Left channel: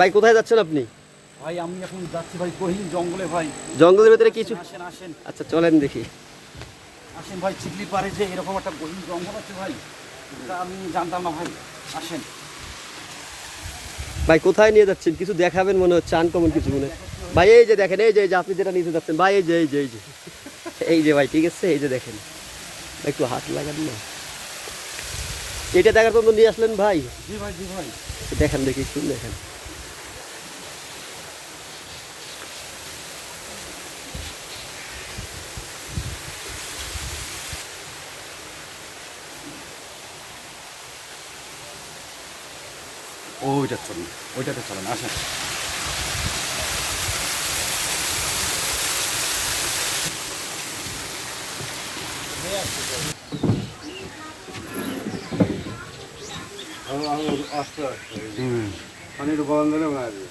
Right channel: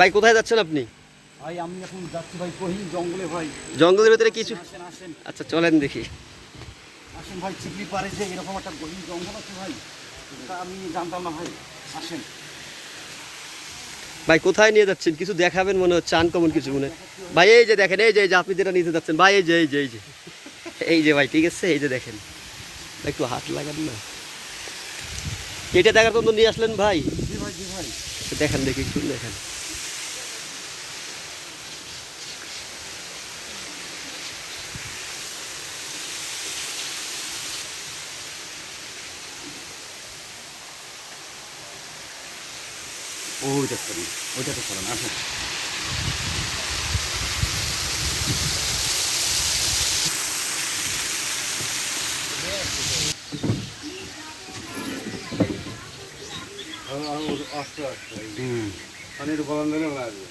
ভাই কোথায় যাচ্ছেন আপনি? ভাই আমি এখন যাচ্ছি ভাই গহীন জঙ্গলে ভাই। জঙ্গলের ভিতরে কিছু আসেন আসেন আচ্ছা চলেন দেখি। আসেন ভাই চিকলি পারে যে এরকম একটা গহীন জঙ্গল আছে ভাই আমি জানতাম না ভাই। আসেন। ভাই কোথায় নিয়ে যাচ্ছেন? কিছু দেখাবেন মনে হচ্ছে আনকমন কিছু মনে। ভাই এই যে দেখেন এই যে এই যে আপনি যেটা নিতে যাচ্ছেন ভাই এই যে এই যে এই যে। এই যে ভাই ঠিক আছে? এই যে দেখেন। একটু হাত লাগান না। এটা দেখার জন্য নিয়ে আসলেন ভাই? জি ভাই জি ভাই। দেখেন দেখি একটু দেখেন। ওইটা চলুন ওইটাতে চলেন আসেন আমি আস্তে আস্তে হুম আমি তো গরম ধরে মারবে